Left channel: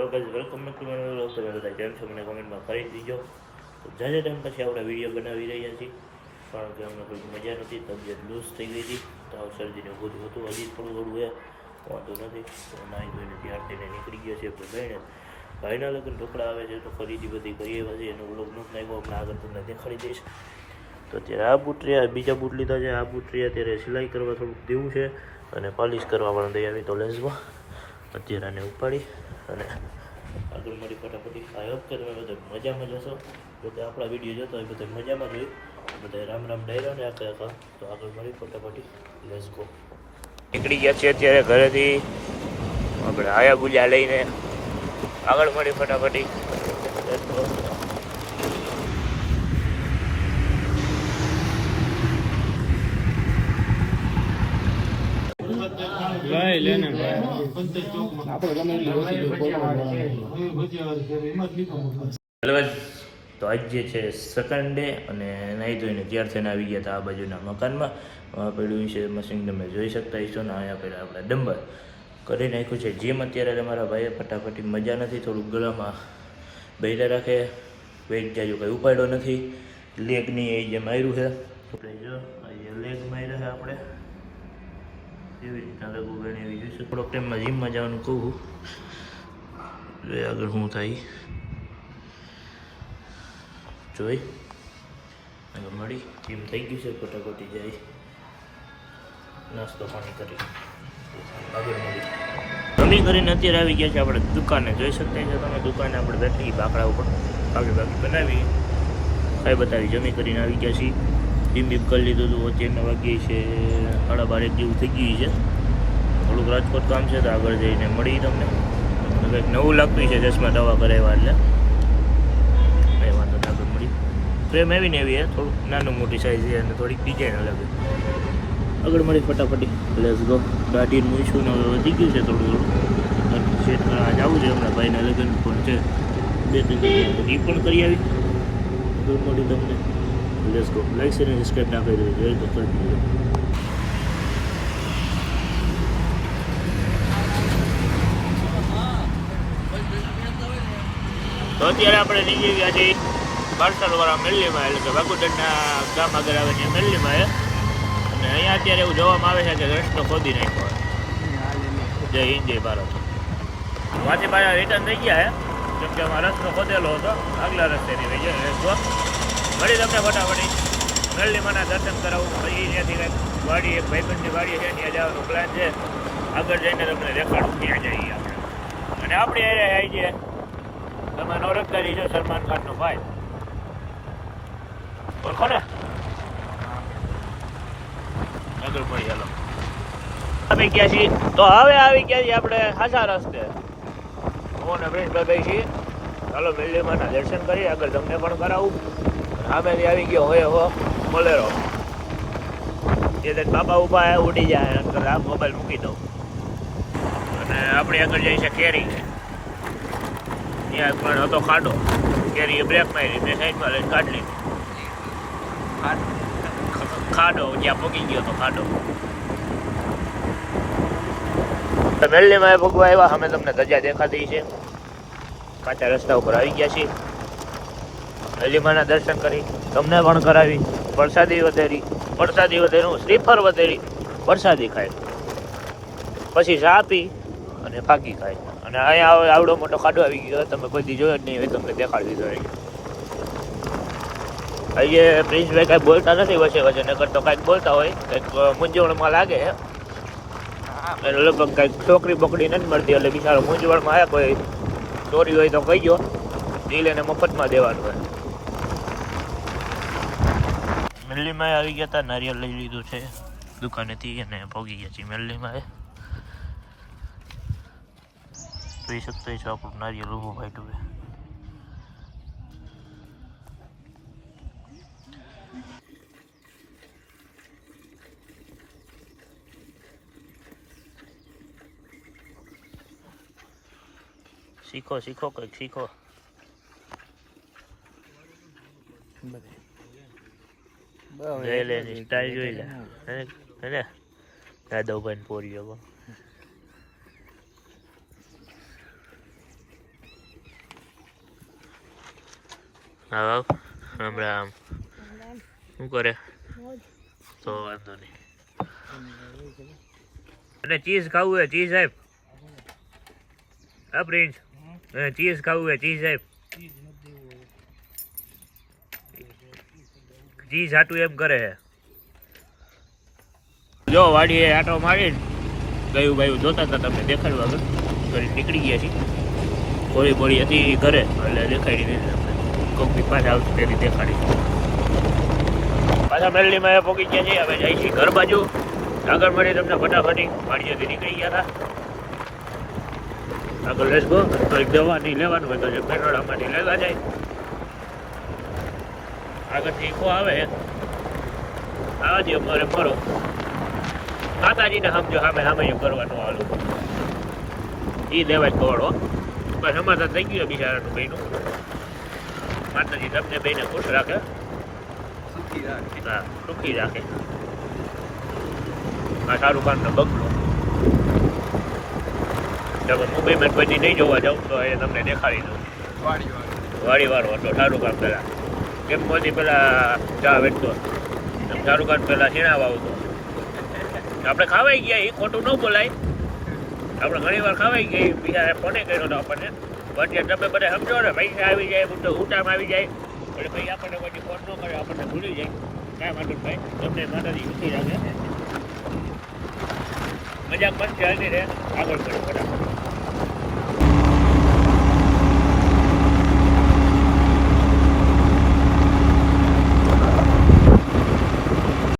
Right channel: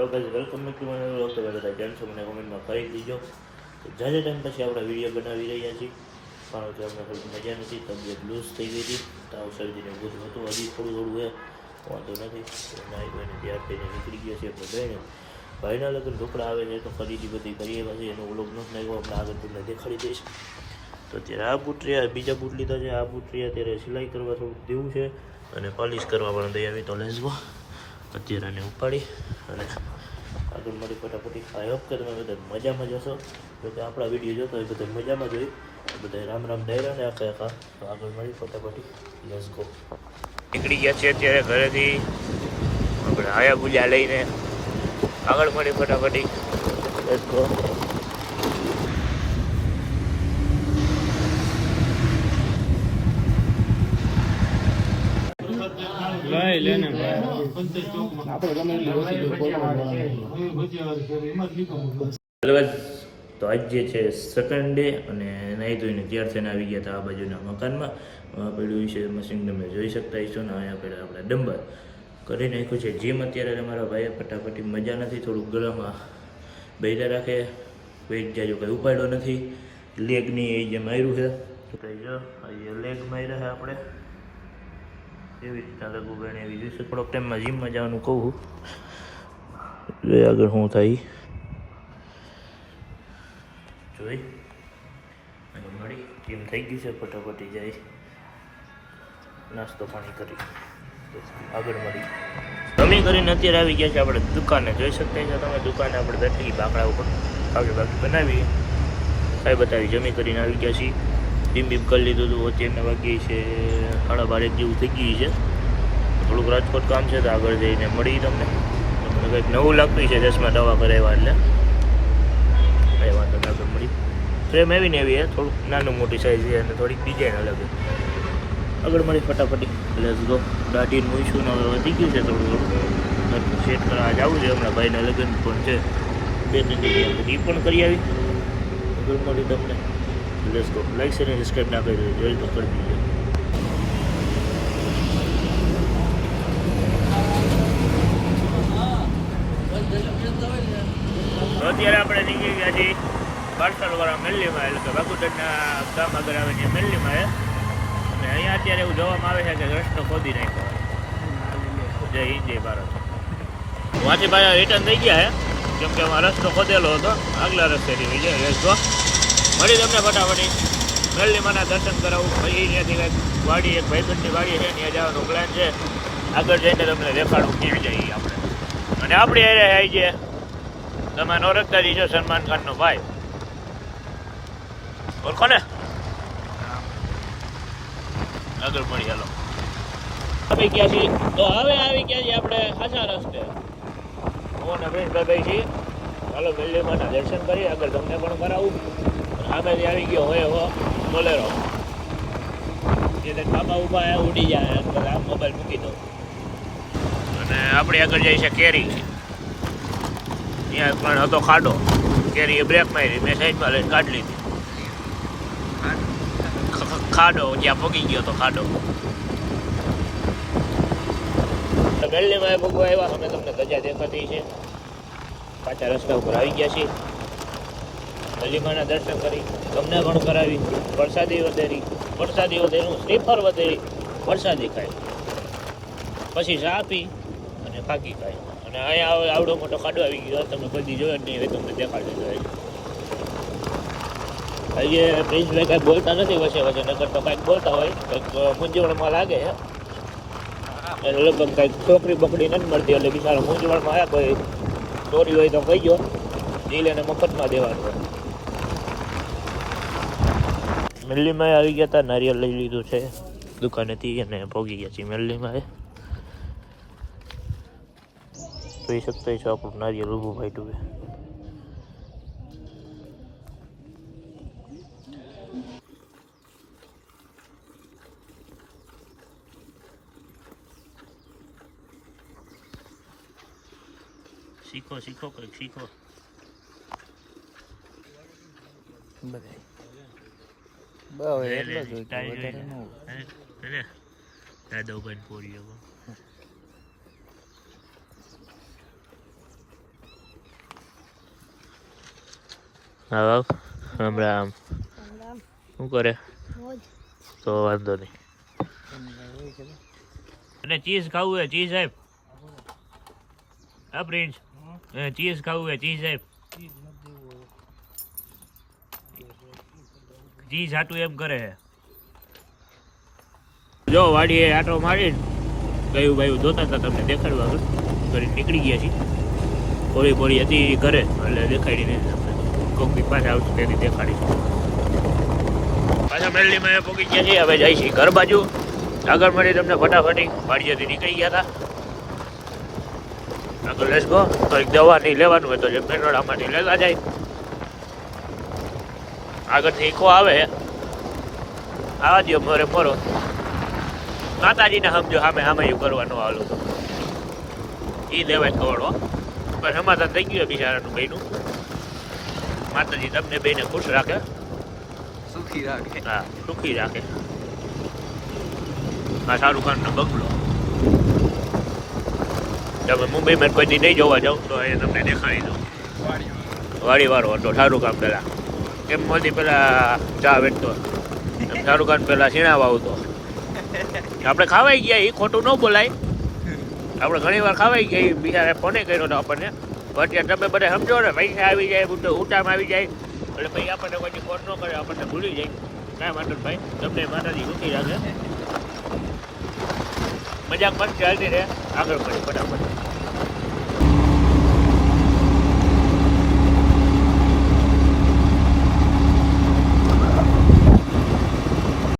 Hello guys welcome back to my vlog તમે બધા કેમ છો મને કોમેન્ટમાં કરી દીજો તો જાજા ટાઈમ પછી આપણે વીડિયો બનાવી રહ્યા છીએ કે અમને કોઈ મજા નથી તબિયત લૂઝ થઈ ગઈ હતી તાવ શરદીને બધું હતું હજી થોડું થોડું એ વાંધો નથી તો નાઈ ધોઈને તૈયાર થઈને નીકળી ગયા છીએ આપણે બહેને ભાઈના લગ્ન ઢોકળા આવે છે તો ખરીદી બધી કરીએ પછી એનો વ્લોગ નથી નાખ્યો આપણે આગળ તમને દેખાડી દઈશ તો અત્યારે આ બૂટ રહ્યા બીજા બૂટ લીધા છે આ બૂટ રહ્યા અત્યારે સિલાઈ કરવા થોડુંક દેવું છે અને પોલિશ કરવા પણ દઈ આવી તો લેન્સમાં અત્યારે આને ઉપાડી અને આગળ મળી ફટાફટી આઈ હોપ કે તમે બધા મજામાં જશો બધા આપણા વીડિયો જોતો હોય બધા મજામાં જોઈ બધા રામ રામ ડાયરા ને આખા આખા. તો આગળ મળી ફટાફટી લેસ ગો નીકળી ગયા છે અત્યારે ઘરેથી. આપણે આયા ગુજા લઈને આગળ મળી ફટાફટી લેસ ગો લઈ લેને ભાઈ. તો આજ જે છે સેકન્ડ ડે અને નાહી ધોઈને ત્યાર થઈને આવી ગયા હતા આ બાજુના મકાનમાં. પડ્યું છે મશીન તમે જોઈ શકતા હશો ને અહીંયા પહેલાં આપણે ડંબર. કરી નાખ્યું છે. જીમ અત્યારે તમારા ભાઈએ ફટાફટી મજા નથી, થોડુંક ગળામાં બૈરા રાખે. વેટ જાજો કંઈ ઉપાડ્યો નથી. લેગની એ જે માર્યું છે લેગ માર્યા છે આપણે. એવી રીતના લઘુ ગણી એવી જોઈશે થોડોક ટાઈમમાં જીમમાં જવાનું કહું જોઈએ આગળ શું થાય. જોઈ. અને મળી. જીમ થઈ ગયું છે, ફટાફટી જાય. નાસ્તો પાણી કરી. આગળ મળી. જમી કરીને અત્યારે આવી ગયા છે આપણે દુકાને. જોઈ શકતા છો તમે, દુકાને આપણે બેઠી બાકડા ઉપર. આગળ બાકી બનાવી કાંઈ બતાવી, જમી કરીને આવી ગયા છીએ. બીમ બીમ કરી લીધું હતું અત્યારના વાગી છે, સાડા બાર એક જેવું થઈ ગયું છે. થોડુંક રાજકોટ કામ છે, તો આગળ જઈને મળી તમને. તમને કંઈક નવું લાગતું છે ચશ્મા દવા કરાવ્યા એટલે. કઈ વાંધો ના આગળ મળી. ફ્રેમ એવી ને એવી છે થોડુંક નાનું મોટી સાઈઝ છે અને થોડીક ડિઝાઇન અલગ છે. આગળ મળી ફટાફટી. લેસ ગો દાઢી મૂઈશું ને વધી ગયું છે થોડું થોડું સેટ કરવા જવું છે, હમણાં ભાઈના લગ્ન પણ છે. બે ત્રણ એ પણ કરી આવી. આગળ મળી તમને. લેટ્સ ગો લાઈક શેર અને સબસ્ક્રાઈબ ના કરી દેજો જોઈ તો કરી દીજો તો અત્યારે આપણે નીકળી ગયા છીએ પાર્સલવાળા મેલ્લીમાં એટલે કે વાગુડરના ગામ આગળ આવે ત્યાં મેલ્લીમાં એ. અને અહીંયા અત્યારે એવું જોવામાં આવે છે કે રસ્તો ખોદી નાખ્યો છે. જય હિન્દ, જય ભારત. વાંચી પાછા રિટર્ન થઈ ગયા છે કેમ કે આમાં રસ્તો ખોદેલો હતો. આગલા રસ્તેથી થઈ જાય રસ્તો મળી તમને ફટાફટી. મેલ્લીમાના દર્શન કરાવું. પછી ત્યાંથી કાંઈક વાડી એક ભાઈબંધની વાડી છે. ત્યાં જવાનો પ્લાન છે. આગળ જઈને તમને દેખાડું ત્યાં જઈએ આપણે. અને આપણી એરે આવી છે તમારો રખદારી છે સલમાન ખાનનો ભાઈ. ઓળખો ને? આગળ પડી ચાલો. આવી ગયા છીએ. તો હવે આવી ગયા છીએ આપણે ખાસા રસ્તે. હું ને પ્રિન્સભાઈ છીએ ચાલો મેલ્લીમાના દર્શન કરી. આગળ તમને પણ કરાવું. સામેથી આવી ગયો હોય હો બોલેરો. તે બાબા ઊભા ઉડી જાય. તો આમ મોબાઈલ મૂકી દો. અને આપણે આગળ જાય છે કેરી. ત્યાં પણ હતો ખાડો. કેરીએ બ્રેક મારી, મેં સાઈડમાં લઈને કાઢી લીધી. ખાડો જ્યાં પગી ગયો તો ખાડો. મેલ્લીમાં ભગવા આવ્યા. અમે તમને ધજા દેખાતી છે. કાચા રસ્તા ઉપર આવી ગયા છીએ. મેલ્લીમાના દર્શન કરી, તમને પણ કરાવી, વરસાદી વધેરી, વરસાદી વધેરું શ્રીફર વધેરી, વરસાદી ખાય. પછી ચા પી અને ફાકી ખાય. અને અહીંયા આવડો મોટો ખાડો આવી ગયો, તમે કોઈ દી જોયો જ નહીં હોય, તમને દેખાડવી જોઈએ. આજે પ્રિન્સભાઈ કાંઈ બોલતા નથી વચ્ચે વચ્ચે નગર તો કાંઈક બોલતા હોય, કંઈક મૂંઝવણમાં લાગે એટલે લગભગ કાંઈક છોકરી બકડી નથી મળતી, એટલે બિચારો મૂંઝવણમાં આવ્યા કોઈ ચોરી હોય તો કહી ગયો દિલ એને મફતમાં દેવાનું હોય. મેલ્લીમાં આવી ગયા હતા નારિયેલ લઈ લીધું છે. દુકાનેથી અને ભોગી ગયા છીએ મેલ્લીમાં જોઈ શકતા છો આપણું નારિયેલ ઊભું ફાટ્યું છે. શીખો શીખો, કંઈક શીખો. લઈ લે સ્ટાઈલ જોઈ લે. હે દાદવભાઈ પોરીઓ પણ હા હમણાં આમ શું કરે? તો વાંધો નહીં. અને ચીઝ ખાવું હે ચીઝ સાહેબ. હા પ્રિન્સ. ચીઝ ખાવું હે ચીઝ સાહેબ. ચીઝ હાટું એમ કરે હે. જો, વાડીએ આટો મારી ગયું ભાઈ જોતા હતા તમને દેખાડવા ઘરે નીકળી ગયા છીએ. કોળી થોડી હતી ઘરે, એટલે દેખાડી નહીં તમને. કોક બી પાછા આવતી તેની દેખાડી. પાછા મેલડીમાં પહોંચી ગયા છીએ, હવે જાય છીએ ઘર બાજુ. આગળ મળી તમને ફટાફટી વાડીએથી નીકળી ગયા હતા આગળ લેસ ગો કંઈક દવાની લેવાનું હોય તો જે પેટ્રોલ આમાંથી લેવા જાય. આગળથી ઠેકો આવે. આવા દો મોરે મોરો માતાજીને સમજો સામે સામે એવું કરવાનું આવેલું એ લેવાય કવડો પણ સમાધાન થઈ ગયું બિચારાનું બેનું માતાજી તમને બેને ખુશ રાખે? સુખી રાખે. હા સુખી રાખે. આ શાહરુખ ખાનનો બંગલો. તમે મુંબઈમાં કોઈ નહીં જોવા જાઉં તો એ તમને દેખાડી દઉં. વાળી વાળો હતો શાહરુખ ખાન પેલા કેમ મોદી પેલા ચા વેચતો. એમ શાહરુખ ખાન પેલા સીણાવા આવતો. આપણે ખાવાઈ ગયા એ ખોટું ન બોલાય. આપણે ઘણી વાર ખાવાઈ ગયા, ઈ બીજા ફોને કર્યો હતો આપણને. પણ અત્યારે તમે બધા સમજો ને, પૈસા આવી જાય ઉટામાં આવી જાય. એટલે પછી આપણને પછી ફોન ન કરે, આપણને ભૂલી જાય. કાંઈ વાંધો ભાઈ તમને માતાજી રૂકી રાખે. મજાક પણ ચાલતી રહે. આગળ પડે ફટાફટ.